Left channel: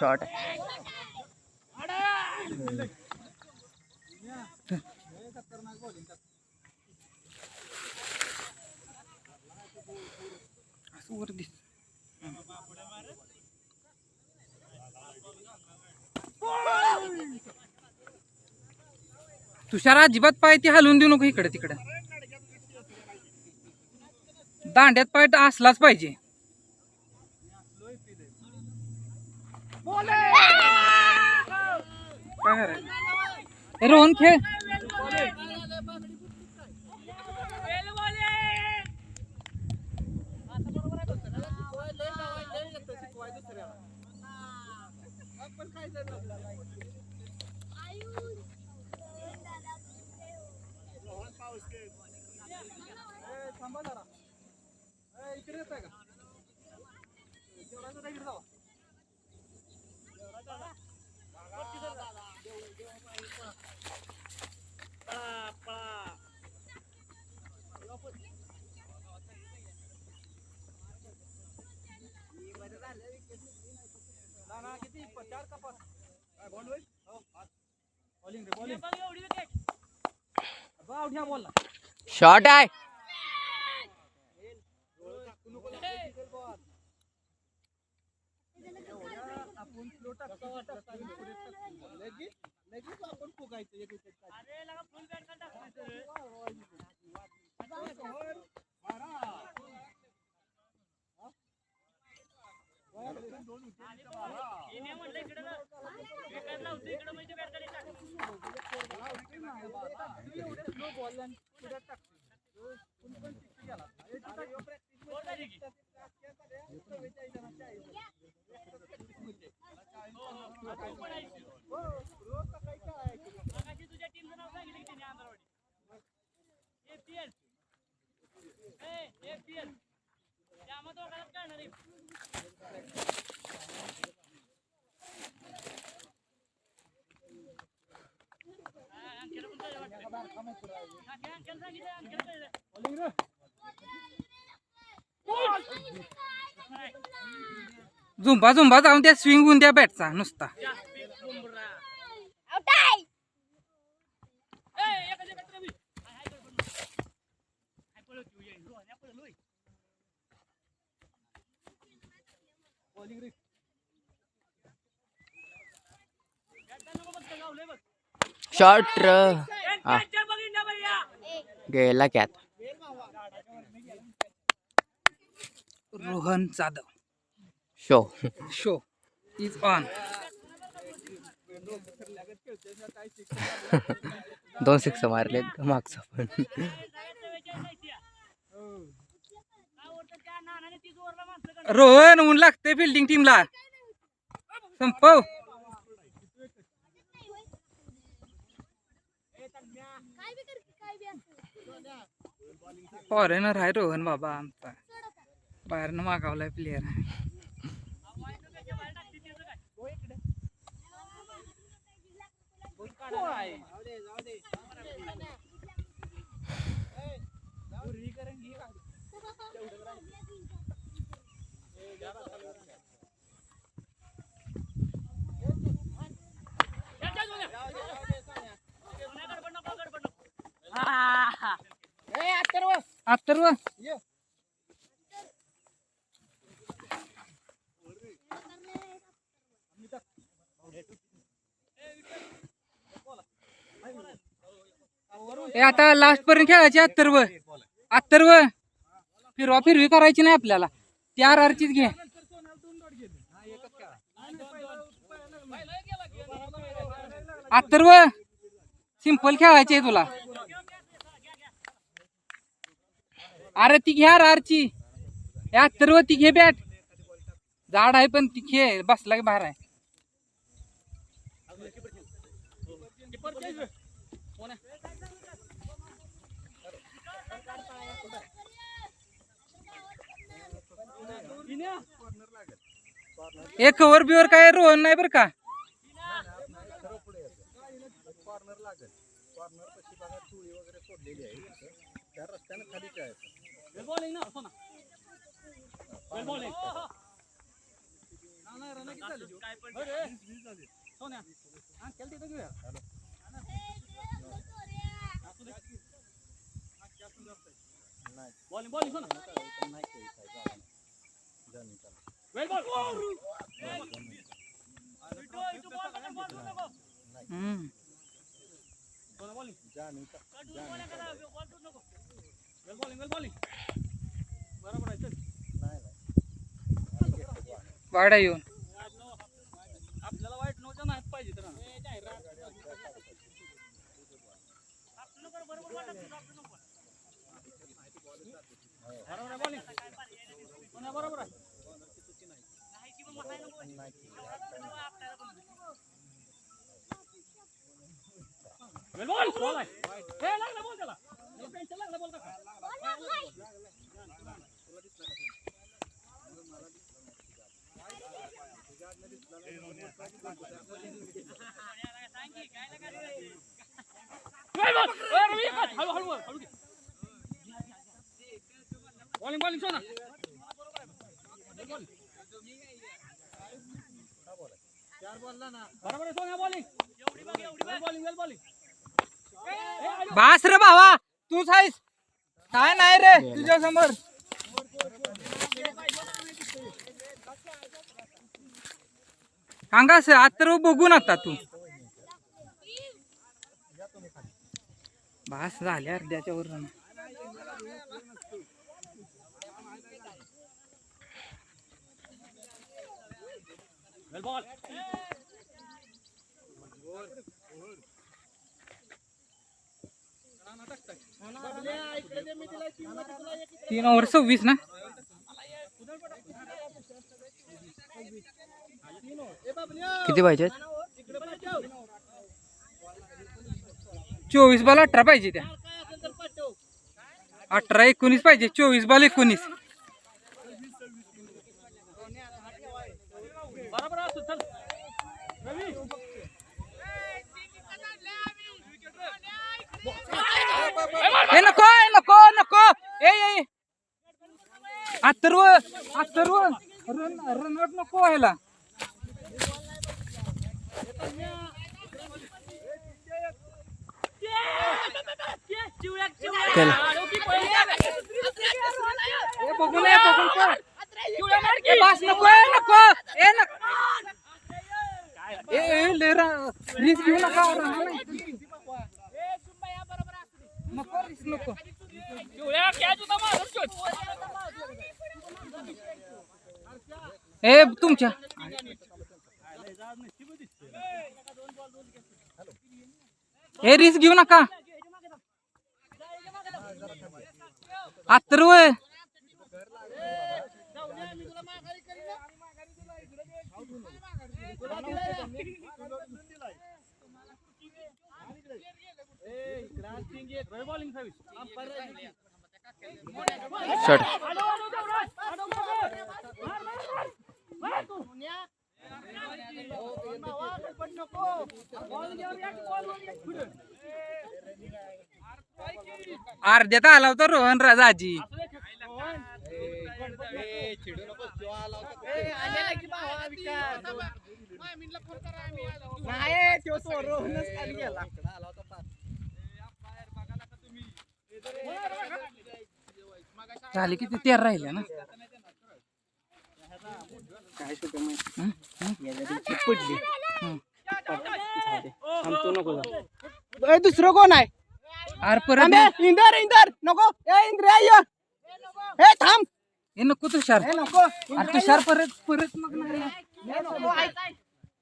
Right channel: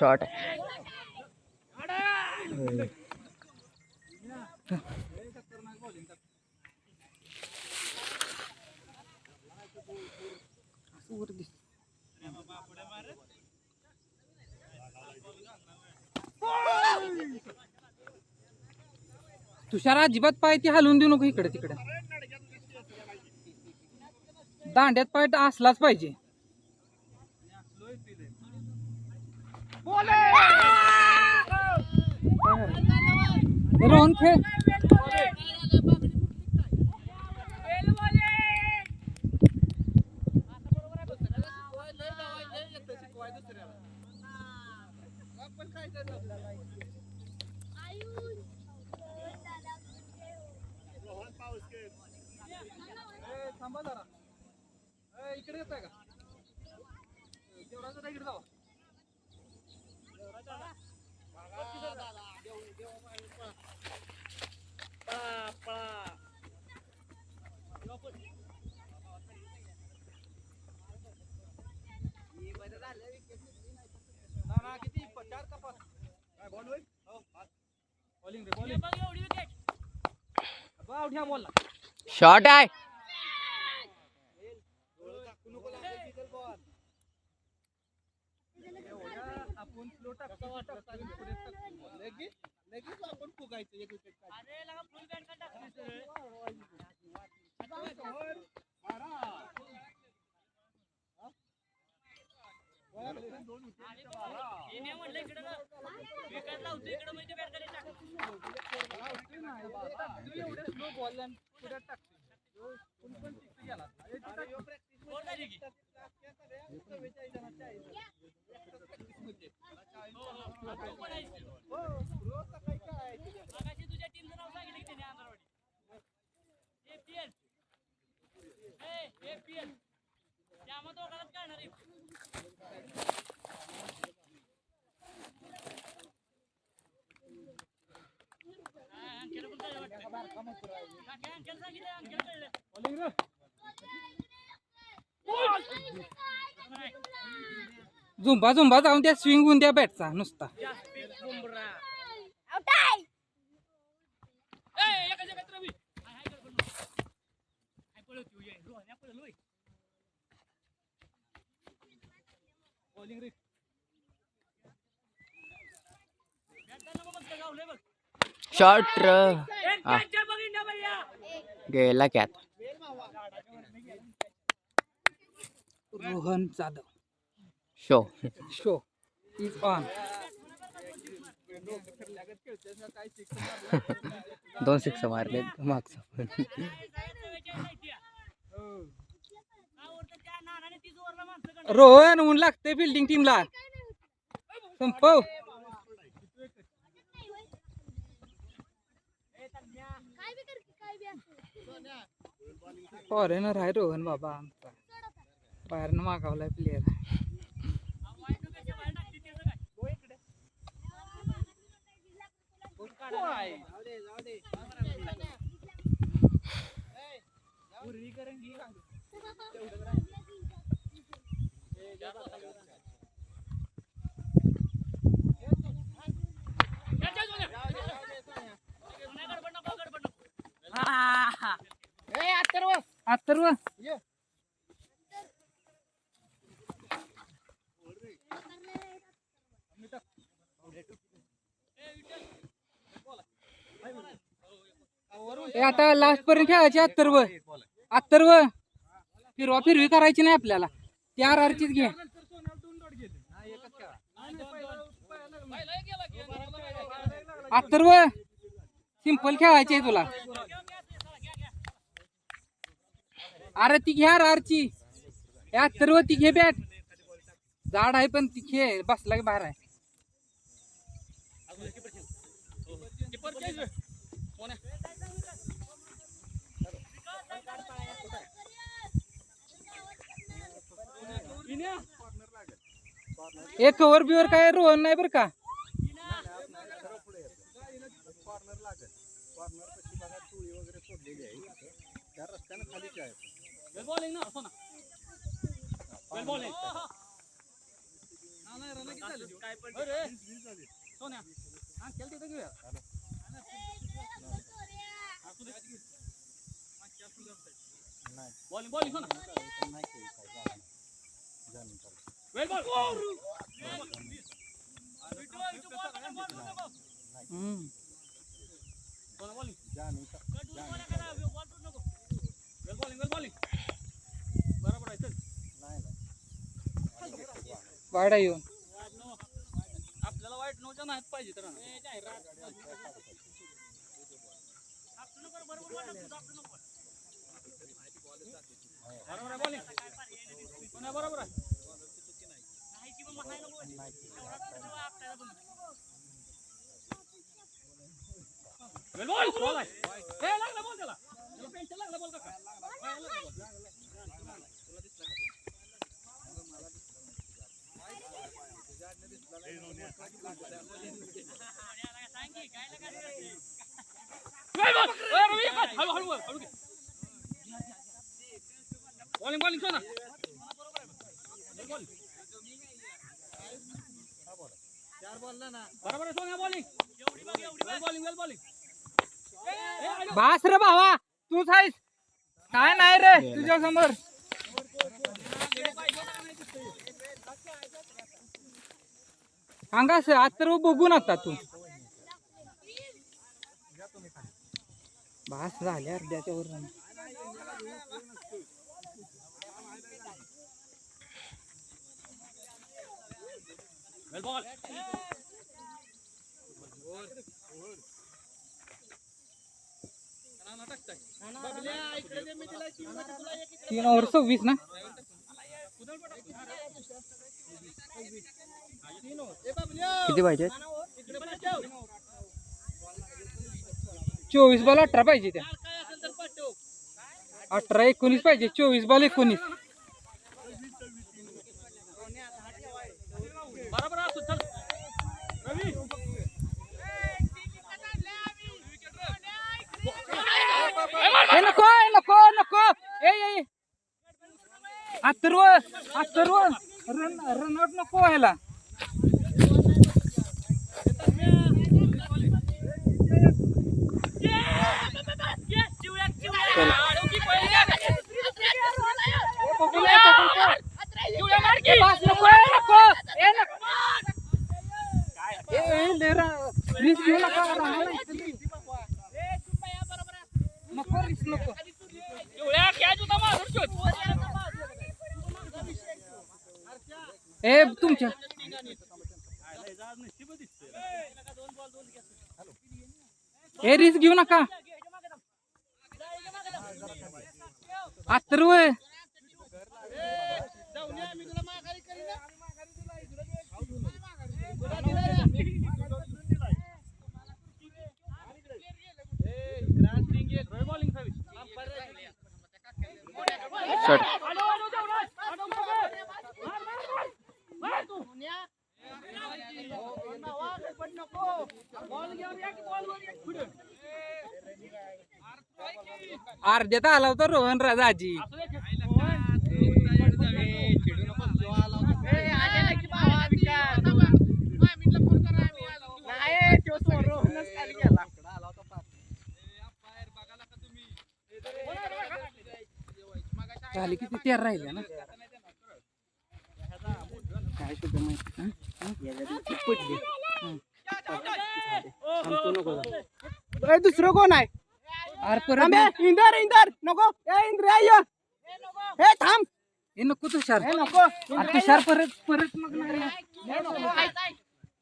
Shot तुषार अजिबात पाय ती हलवून देऊ नको इकडे तिकडे. दांड्यात पाय असलाच पाहिजे. काय करायचं रोहन खेळ. इकडे येत आहे का तेवढा इकडे जावा. किती 4 का 5 बॉलिंग रे बॉलिंग उठ्या बॉल शॉट आहे. आपण फ्लो टाकतो लगेच आपण फुगायचं एक विकेट एवढे स्लो बॉल पुढे टाकतो पण गेला झुंबा झुंबा जाऊन त्या स्विंग होऊन त्या बॅटचा नुसता. शॉट गेला cat. Rohan Jadhav show is on. 2 6 मारले मागचा पण. रोहन ऊन लागते फिल्डिंग टीमला. संपव. फॉरेनर आहे रोहन बाबा आमचा. बाहेरनं मागवलाय प्लेयर. अथर्व आता लास्ट पर्यंत खेळायची. अथर्व फिरवा फिरवी करायची नाही आपल्याला. ती RRचीच घे. अथर्व सिंपल खेळायची आहे तुला. अरे ती घ्या RRची. अथर्व ती घे बॅट. जाड आहे पण ती खेळ बसला की बाहेर आहे. एक कव्हर बिवर काय रोहन नाही बरं का. वाडा येऊन आपल्याला वाईट नव्हतं नाही पाहिजे तर बरोबर आहे बॉलिंग बरोबर आहे. बॉलिंग सोना बरोबर आहे सोन्या बॉलिंग बास रे भावा तूच आहेस काय नाही रे तुझ्या समोर. सांगा आता बघून आता तू बास झाले अर्ध्याच्या वर. बॉल 3 ओव्हर 26 ना. किती पाहिजेत? 24 बॉल 18 पाहिजे त्या. 18 19 पाहिजे. 24 बॉल 19. बरोबर असो चल रवी नको नको नको ए अथर्व रन आउट नको व्हायला. रिस्क घेऊ नका नको रिस्क नको. ए तुमच्या हे रिस्क घेऊ नका. अथर्व शॉट अर्ध्यात आला होता रोहन राजाजी. झाले किती 13 राहिले ना. काय दुसरं कोण आहे? अरे परत इंदर नको हे थांब हे नको तुषार. नको अरे तुषार परत मग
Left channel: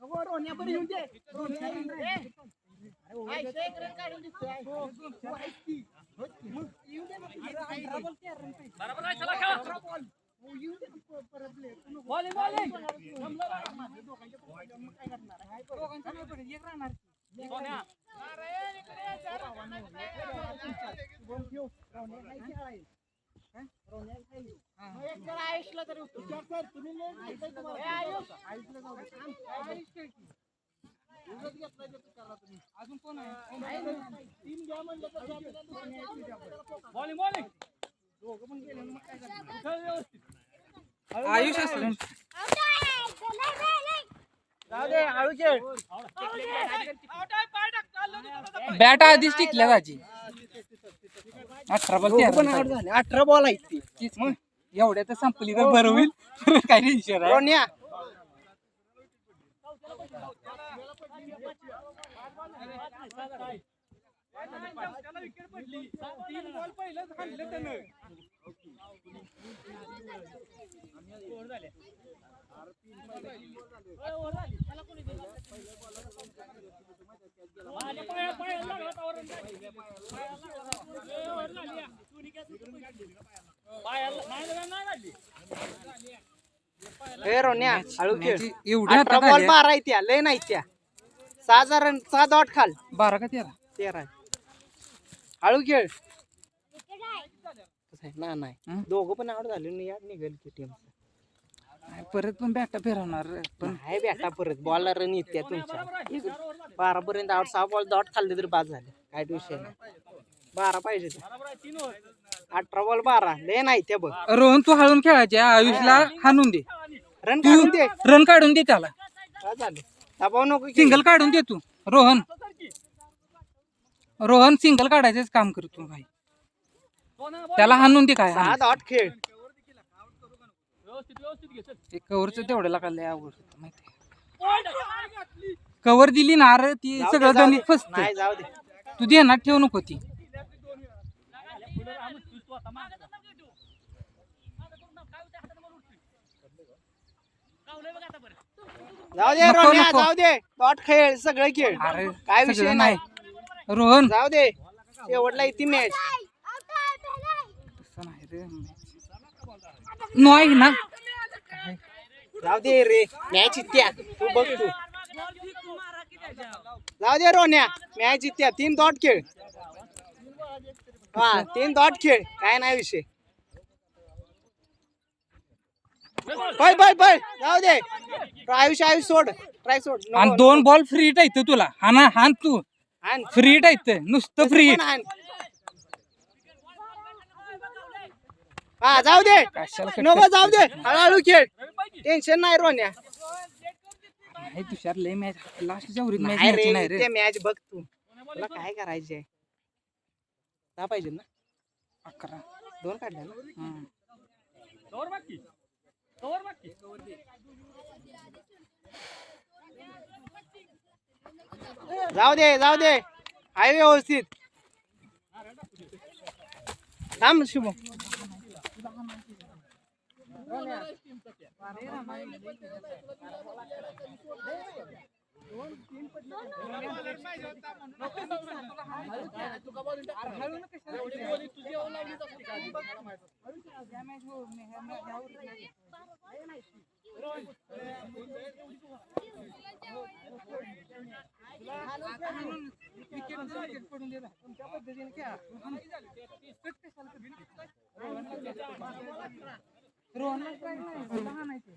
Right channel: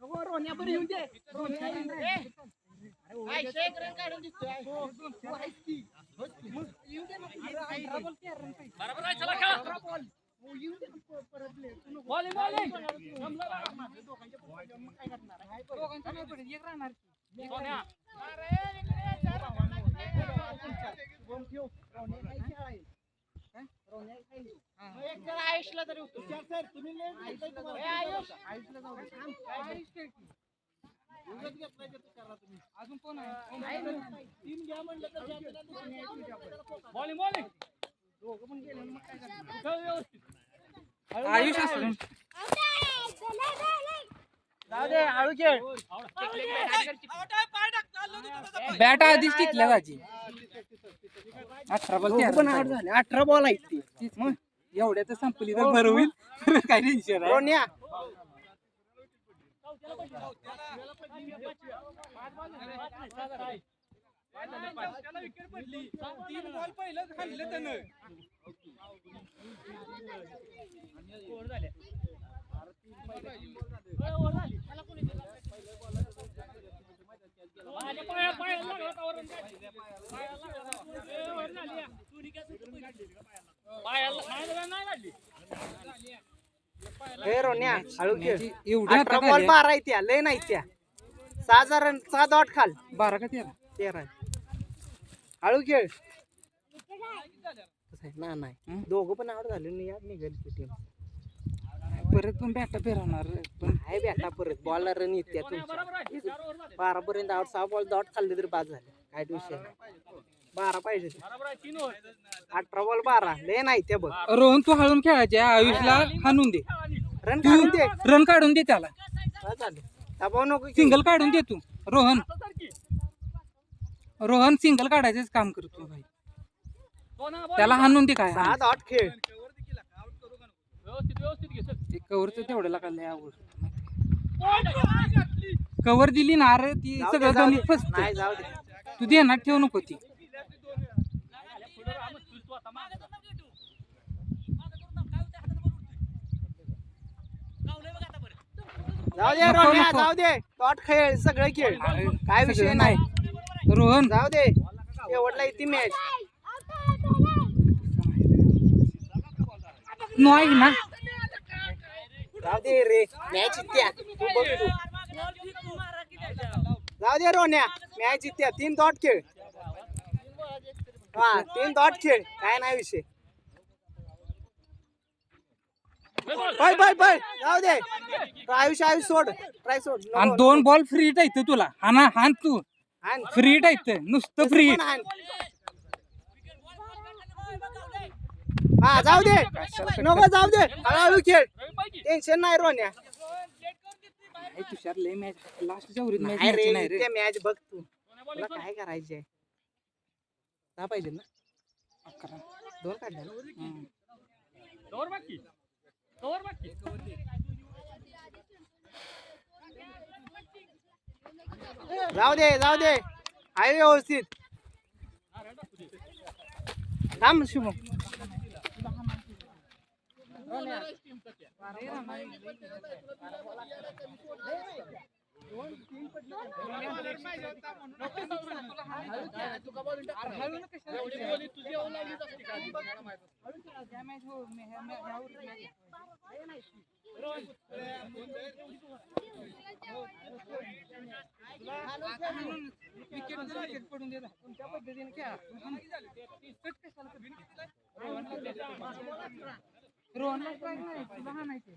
नको रोन्या बरं येऊन दे. अजून कोण आहे? आयुष असलं बॅट आधीच टिकल्या त्याची 18 बॉल 18 बॉल आहेत ती. मग एवढ्या तर संपली तर बरं होईल. काय टेन्शन आहे. रोन्या हे रोन्या हळू खेळ. एवढ्या 18 बॉल 12 आहेत त्या, लय नाही त्या. 6 रन 6 डॉट खाल 12 का 13? 13. हळू खेळ. ना नाही दोघं पण आउट झाले नाही यार, निघाली ती टीम. परत पण बॅटा फिरवणार पण आहे बॅटा परत बॉलला रन येते तुमच्या. 12 पर्यंत आउट 6 बॉल डॉट खाल्ले तरी बाद झाले. काय विषय नाही. 12 पाहिजे ते. 18 बॉल 12 लय नाही त्या बघ. रोहन तू हळून खेळायचे. आयुषला हाणून दे. रन तू काढून दे. रन काढून दे त्याला. काय झालं दबाव नको की. सिंगल काढून दे तू. रोहन सिंगल काढायचंच काम करतो भाई. त्याला हाणून दे. काय 6 डॉट खेळ. ते कव्हरचं तेवढ्याला काय लय आवडतं. कव्हर दिली ना अरे ती सगळं गणित फसत. नाही जाऊ दे. तू देणार ठेवू नको ती. जाऊ दे नको, रोन्या नको. जाऊ दे. डॉट खेळ सगळं खेळ. अरे, काय विषय सगळं नाही. रोहन जाऊ दे. एवढला येते मॅच. नाही ना. जाऊ दे रे मॅच जित्या. तू बघ तू. जाऊ दे रोन्या मॅच जित्या. 3 डॉट खेळ. हा 3 डॉट खेळ. काय नाही विषय. पळ पळ पळ. जाऊ दे. आयुष सोड. ट्राय सोड. नको, आणि 2 बॉल फ्री टाईत तुला. हान तू हाण. फ्री टाईत नुसतं फ्री. पण हाण. हा जाऊ दे. नको जाऊ दे. हळूहळू खेळ. टेन्शन नाही रोन्या. तुषार लय मॅच लास्टच्या उरीत मॅच नाही न्यायची नाही रे रे. ते मॅच बघ तू. तुला काय करायचंय. जा पाहिजे ना. 11. 2 काढले ना. हम्म. जाऊ दे जाऊ दे. आहे व्यवस्थित. थांब शुभ. रोहनला काय नाही लहान आहे ते.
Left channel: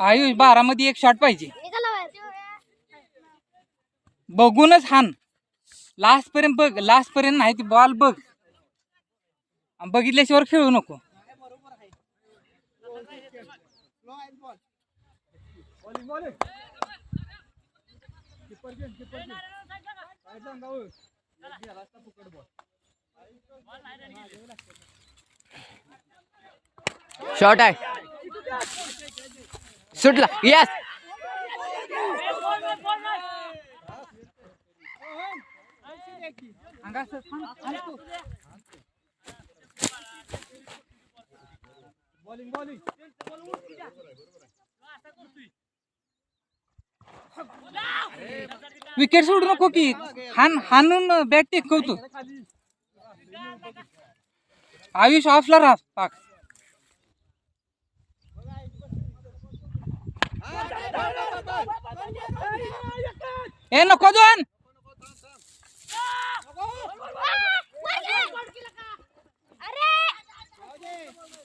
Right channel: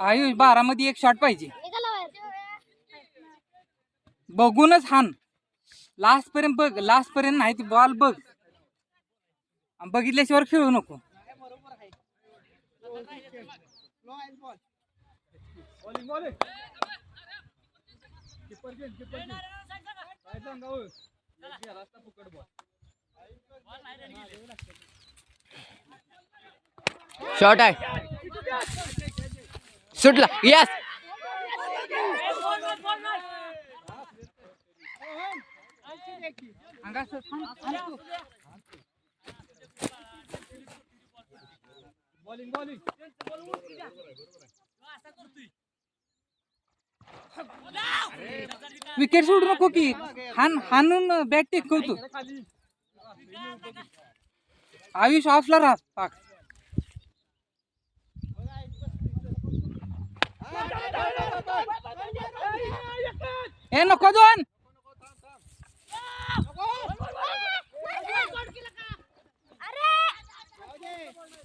आयुष 12 मध्ये एक शॉट पाहिजे. बघूनच हान. लास्ट पर्यंत बघ. लास्ट पर्यंत नाही ती बॉल बघ. बघितल्याशिवाय खेळू नको. शॉट आहे. सुटला. यस. विकेट सोडू नको की. हाणून बॅट टेकवतो. आयुष ऑफला राहा पाक. ए नको दोन.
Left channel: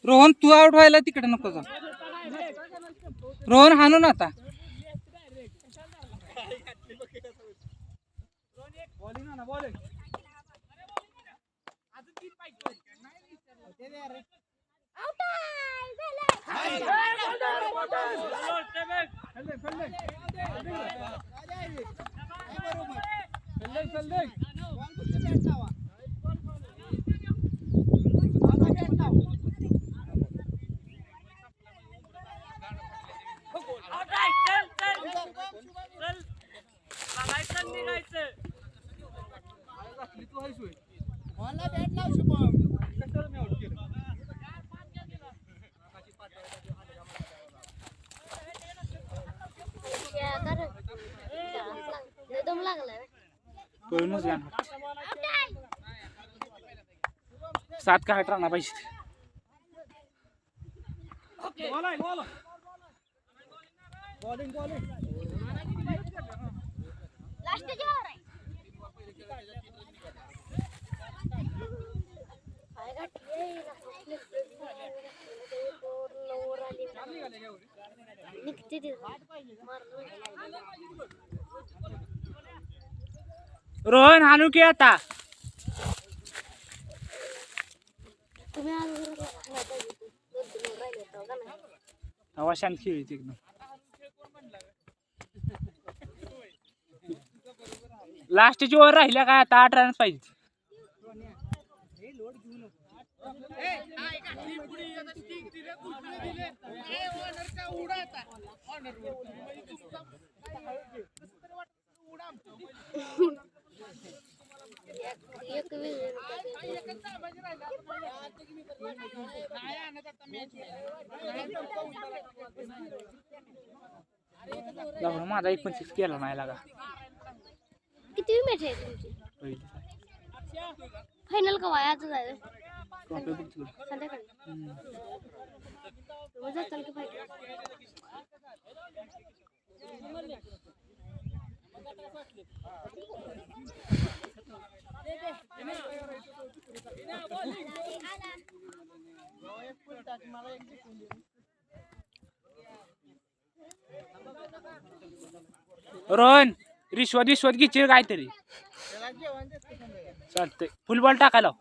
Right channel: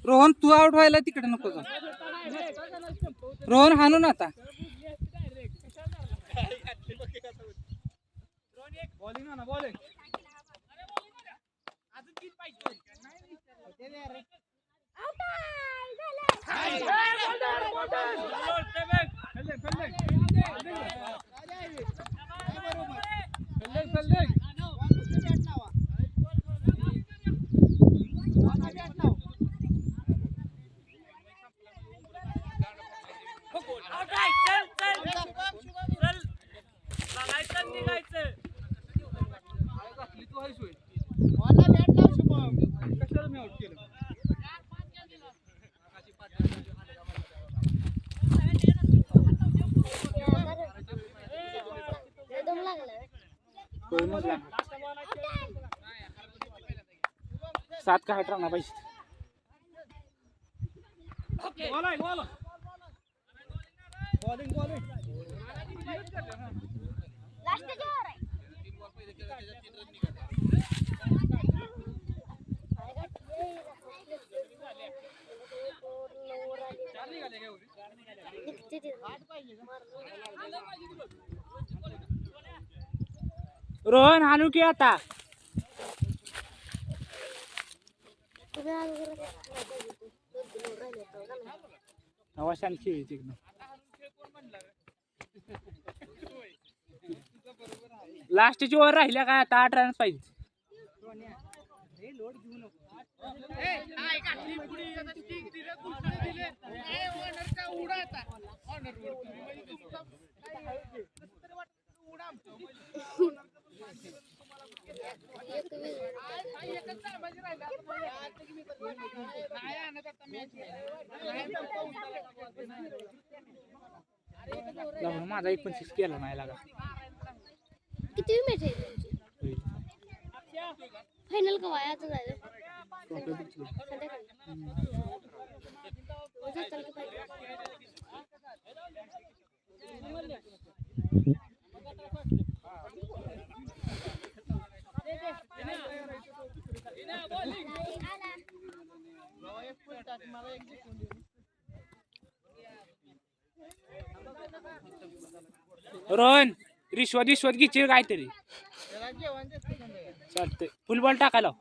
रोहन तू आउट व्हायला तिकडे नको जा. रोहन हाणू ना आता. बॉलिंग ना बॉलिंग कशाला मी आउट केलं सात का आठ राहणार पाहिजे. बॉलिंग बॉलिंग रोहन हाणू की आता. शांत खेळायची एकदम. लास्टची ओव्हर राहिल्या काय आता 8 रन पाहिजे. माझा 29 केला नाही लागा. किती मॅच आहे तुमची? फायनल कवा आहे? आता झालं संध्याकाळी. रोज असतं की फायनल? रोहन रिश्वत घ्यायची काहीतरी चालतंय. फुल बॉल टाकायला.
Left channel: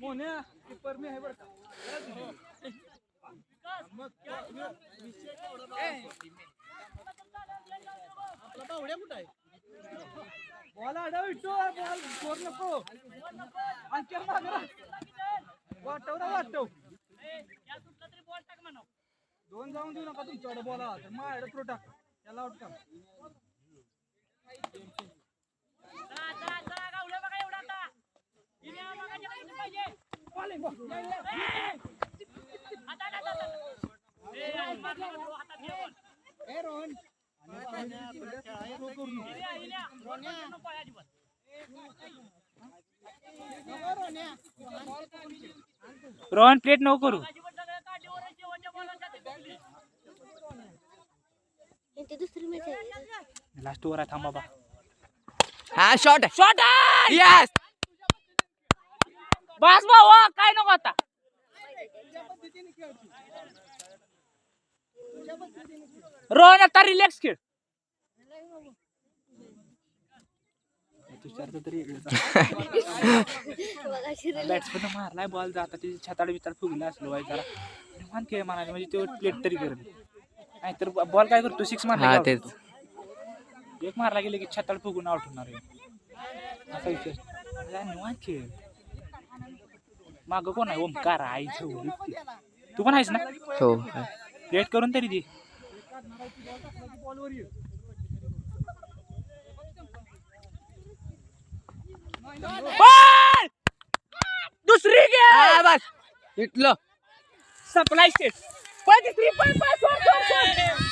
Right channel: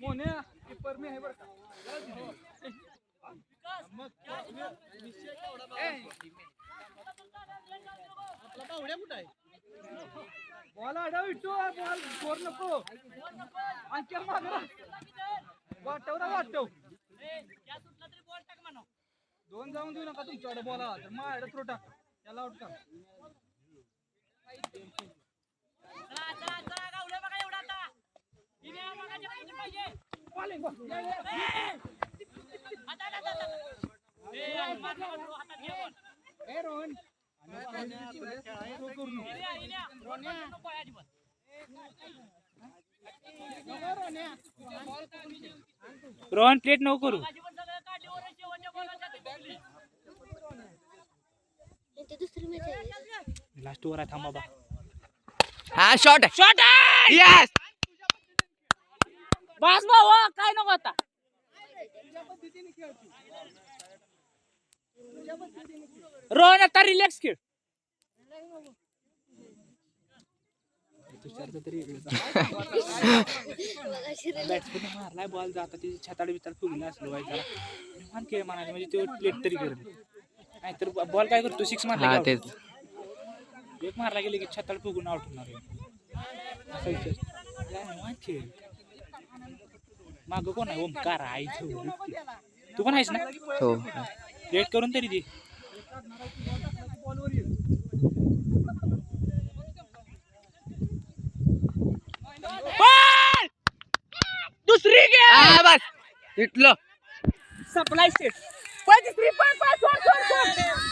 मोन्या कीपर मी आहे बरं का. आपला बावड्या कुठं आहे? बॉल अडव इटो बॉल स्कोर नको. आणखी मागरा वाटव ना वाटव. दोन जाऊन देऊ नका तुमच्याकडे बॉल आला तर माझ्याकडे थ्रो टाका. त्याला आउट करा. रोहन प्लेट नको करू. दुसरी मॅच आहे. लास्ट ओव्हर आहे. थांबा बा. हा शॉट शॉट यस. बस भाऊ काय नको आता. रोहन आता रिलॅक्स खेळ. बॅट्समॅन मारलाय बॉल जाता त्याची छाताड बिताड फुगला असलो वाईट खेळ म्हणाले म्हणजे तो प्लेट तरी करू. नाही तर बॉल काय करतो 6 हा मारला. तेच. एक मारला गेले की छाताड फुगून आउट होणार. असा विषय. निवांत खेळ. माग कोण आहे? ओमकार आई ठेवली. तू पण आहेस ना? हो. प्लेट करून तरी दे. बॉल हा बस इटलं सप्लाय स्टेट 53 पण